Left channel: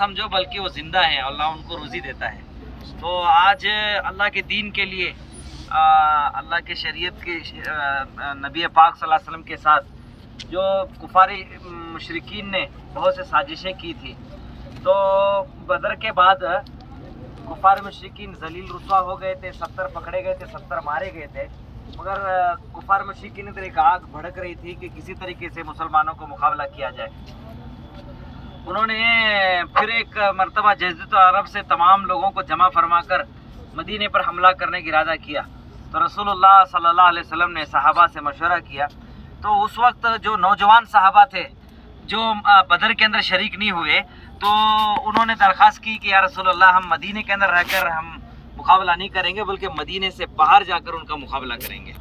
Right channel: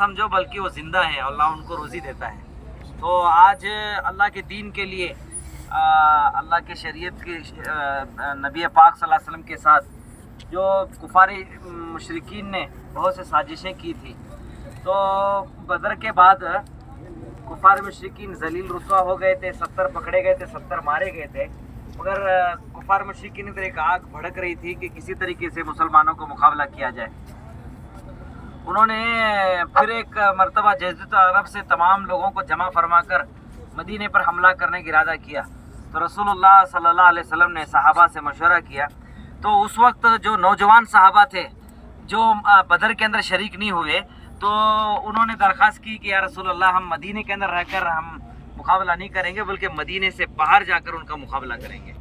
समझो बल्कि वो ज़िंदा है, अल्लाह उनको रोज़ी देता है। तो आज अल्लाह के दीन के लिए अल्लाह के शरीयत के नबी पाक सल्लल्लाहु अलैहि वसल्लम के साथ जो कुफारी मुशरिकीन ने बहुत से साजिशें की थी, तो बदर के बाद कुफार मुशरिकीन जलील रुसवा हो गए थे, 70 पकड़े गए थे, 70 मारे गए थे। मगर कुफार मुशरिकीन तो एक आग भड़क रही थी कि किसी तरीके से मुसलमानों को मुकाबला किया जाए। उन्होंने फिर एक मरतबा जज़ीरतुल अरब से तमाम लोगों को जमा फरमा कर मदीने पर हमला करने का इरादा किया। तो रसूलुल्लाह सल्लल्लाहु अलैहि वसल्लम ने सहाबा से मशवरा किया। तो उस वक्त जो नौजवान सहाबा थे जो बदर के अंदर शरीक नहीं हुए, तो उन्होंने दरख्वास्त की कि या रसूलल्लाह हम मदीने के अंदर रहकर हम मुकाबला नहीं करेंगे बल्कि मदीने से बाहर जाकर उनका मुकाबला करेंगे।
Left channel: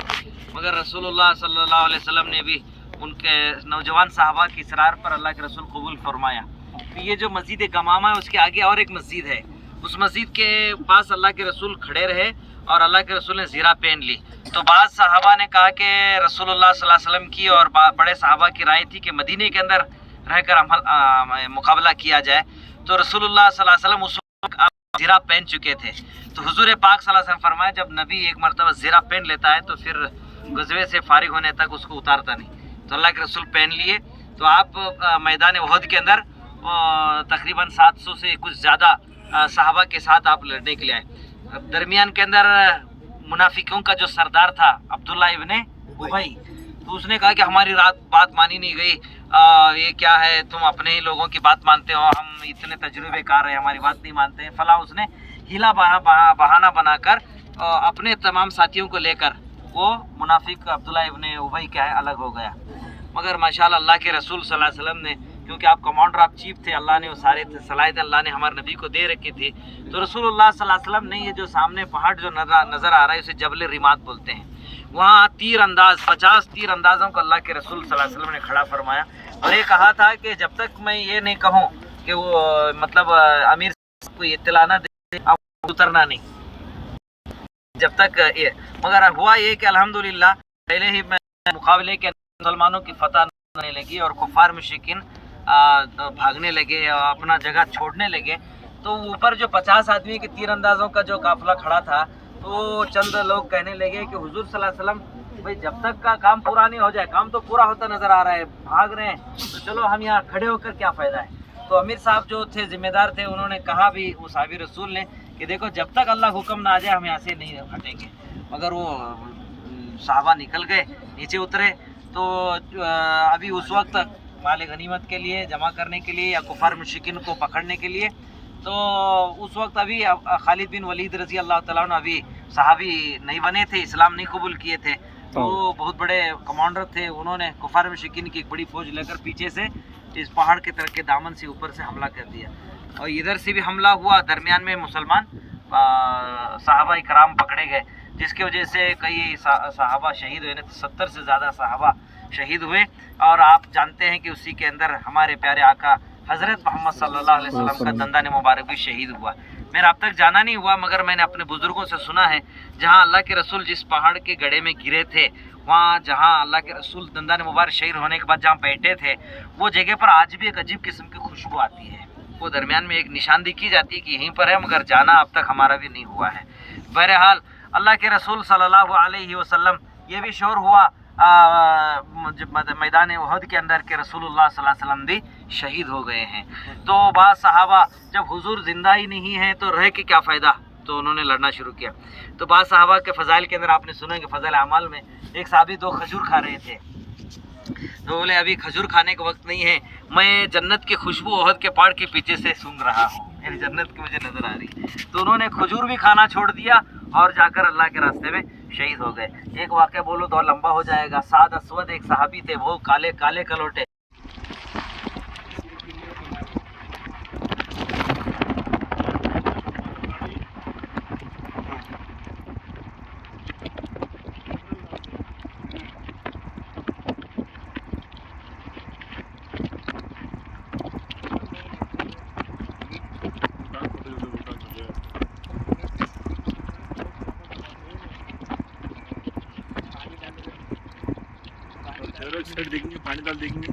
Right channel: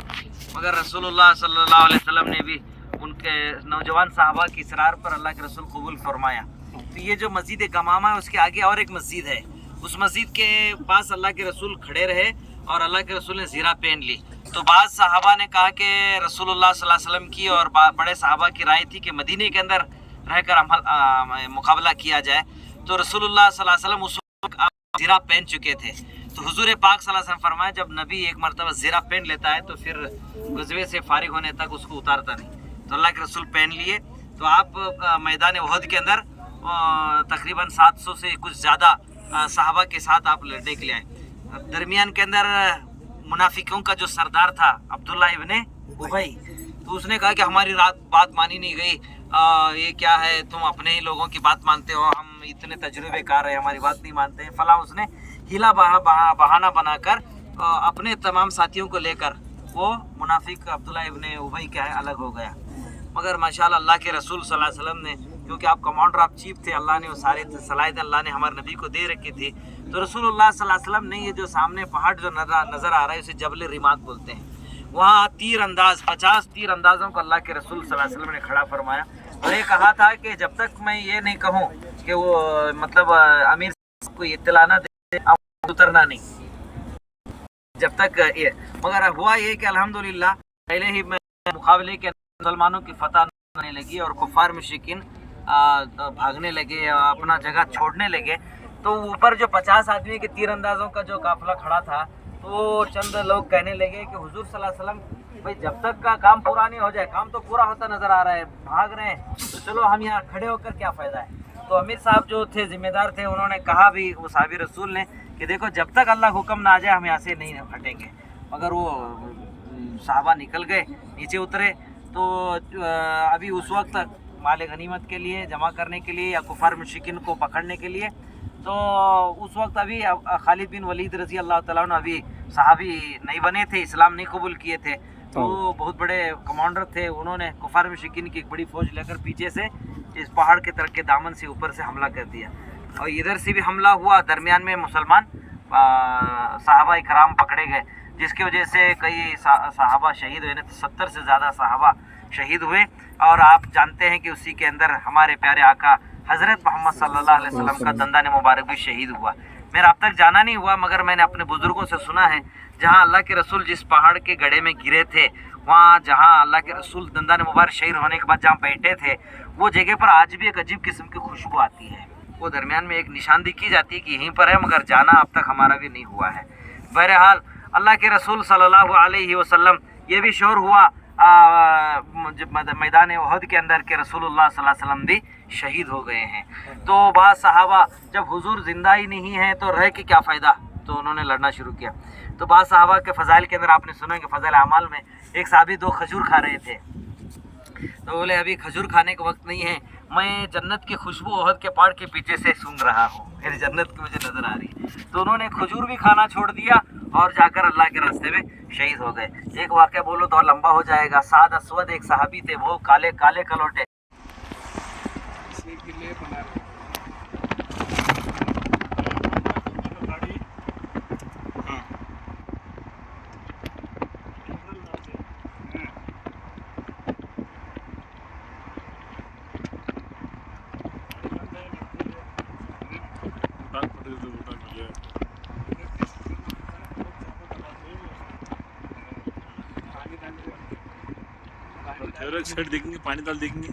मगर रसूलुल्लाह सल्लल्लाहु अलैहि वसल्लम ने भी उनके नौजवान साहबा की इसरार पर अल्लाह के रसूल कबूल फरमाया। तो ये जो मस्जिद गमामा है उसके आगे और एक मस्जिद है, उस मस्जिद के पास अल्लाह के रसूल खड़े रहे और अल्लाह के रसूल ने ज़ीरा पहन ली। तो बाद साहबा ने कहा कि रसूलुल्लाह सल्लल्लाहु अलैहि वसल्लम की और बड़े साहबा की राय थी कि मदीने के अंदर रहकर मुकाबला किया जाए। तो रसूलुल्लाह सल्लल्लाहु अलैहि वसल्लम उस वक्त ज़ीरा पहन चुके थे। तो हुजूर पाक सल्लल्लाहु अलैहि वसल्लम फरमाया जब नबी एक मरतबा ज़ीरा पहन लेता है तो फिर गज़वे से फारिग होने तक उसको उतारता नहीं। तो अल्लाह के रसूल पहन लिए। तो आप मैदान उहद के अंदर तकरीबन 700 से कुछ ज़्यादा सहाबा के साथ आप लड़ने के लिए आए। दरमियान के अंदर मुनाफिकों का जो सरदार था अब्दुल्ला इब्ने उबई, तो उसने कहा कि हमारी बात मानी नहीं गई, ये क्या है, तुम अपने ही लोगों की बात मानते हो, हम इतने तजुर्बेकार हैं, हमारी बात नहीं मानते हैं फला। उसने हिला बहाना बनाकर अपने तमाम साथियों को लेकर वो मुनाफिक अब्दुल्ला इब्ने उबई क्या है अलग हो गया। मगर माशाअल्लाह अल्लाह के रसूल सल्लल्लाहु अलैहि वसल्लम ने, क्योंकि आप कमांडर ऑफ चीफ थे, अल्लाह ने वो सारे सलाहियत अल्लाह ने हमारे नबी को दे रखी थी। तो रसूलुल्लाह सल्लल्लाहु अलैहि वसल्लम ने ये जो सामने पहाड़ जो नज़र आ रहा है उसे जबल रिमात बोलते हैं, वहाँ तीर अंदाज 50 तीर अंदाज़ों को अल्लाह के रसूल सल्लल्लाहु अलैहि वसल्लम ने खड़ा फरमाया। और ये कहा था कि जब तक मैं ये नहीं कहूँ कि वो मतलब अमीर को इत्तला ना दे उतरना नहीं, जब तक ये। मगर हुआ ये कि अल्हम्दुलिल्लाह पहले ही मैं मुकाबले के मुसलमानों की फतह होने लगी और कुफार मुशरिकीन भागने लगे, अपना जगह छोड़ने लगे। तो ऊपर जो 50 आदमी के तीर अंदाजों का जो काफिला खड़ा था, तो चंद लोग कहने लगे कि हुजूर सल्लल्लाहु अलैहि वसल्लम भाई जब तक का काम पूरा नहीं हो जाए, काम तो पूरा होता नज़र आ रहा है, भाग रहे हैं, तो चलो हम यहाँ खड़े होकर क्या फ़ायदा है। तो अमीर साहब जो थे ज़िम्मेदार थे, उन्होंने कहा भी वो साहबी रसूल ने कि देखो जब तक अल्लाह हुक्म ना आ जाए हम यहाँ से नहीं हटेंगे। मगर वो साहबा निकल गए, नीचे उतरे। तो अभी उस वक्त माल गनीमत के लिए जमा करने के लिए या कुफार मुशरिकीन को पकड़ने के लिए, तो उस वक्त अभी खालिद बिन वलीद रज़ी अल्लाह तआला अन्हु अभी सहाबी नहीं बने थे, इस्लाम नहीं कबूल किए थे। तो बहुत बड़े कमांडर थे, उन्होंने कुफार मुशरिकीन की एक बड़ी फ़ौज लेकर पीछे से इस पहाड़ के तरफ के दामन से ऊपर से हमला कर दिया और इधर से भी हमला हुआ। दरमियान में मुसलमान सहाबा इकराम पकड़े गए, जिसकी वजह से कई सहाबा शहीद हुए, तो 70 से ज़्यादा सहाबा शहीद हुए। और आप जानते हैं कि उसी के अंदर हमारे प्यारे आका हज़रत मोहम्मद सल्लल्लाहु अलैहि वसल्लम का दंदान मुबारक भी शहीद हुआ। मेरा अब तक जाना नहीं हुआ, मगर मैंने अपने बुज़ुर्गों से सुना है जहाँ अल्लाह के रसूल जिस पहाड़ के गड्ढे में गिरे थे, वहाँ जहाँ अल्लाह के रसूल दंदान मुबारक शहीद होने के बाद जहाँ बैठे थे, वो जगह पर आज भी एक अजीब किस्म की खुशबू आती है। वो दरमियान में एक निशानदी की जाती है कि यहीं पर है, मगर जाना अब तक हमारा भी नहीं हुआ है। बहरहाल अल्लाह के रसूल सल्लल्लाहु अलैहि वसल्लम ये भी शोर हुआ मैदान उहद के अंदर के रसूलुल्लाह सल्लल्लाहु अलैहि वसल्लम भी शहीद हो गए हैं। तो बाद सहाबा जब हुजूर ज़िंदा ही नहीं है तो रह के क्या फ़ायदा, तो उन्होंने लड़ना शुरू किया। तो बाद सहाबा के फ़ज़ाइल के अंदर आपने सुना कि फ़ज़ाइल अमाल में एक साहबी 2 खजूर खा रहे थे, तो बोले अभी खजूर खाने का वक्त नहीं है, मैं जन्नत की खुशबू उहद के पहाड़ के पीछे से सूंघ रहा हूँ, मेरी जन्नत की मुझे नज़र आ रही है। तो उन्होंने खजूर भी खाना छोड़ दिया और जाकर अल्लाह के रास्ते में शहीद हो गए। एक वाक़या बोलो तो लंबा हो जाएगा। साद असवद एक सहाबी थे, वो काले काले कलोटे। छेड़ देखेंगे, पानी डाल देखेंगे।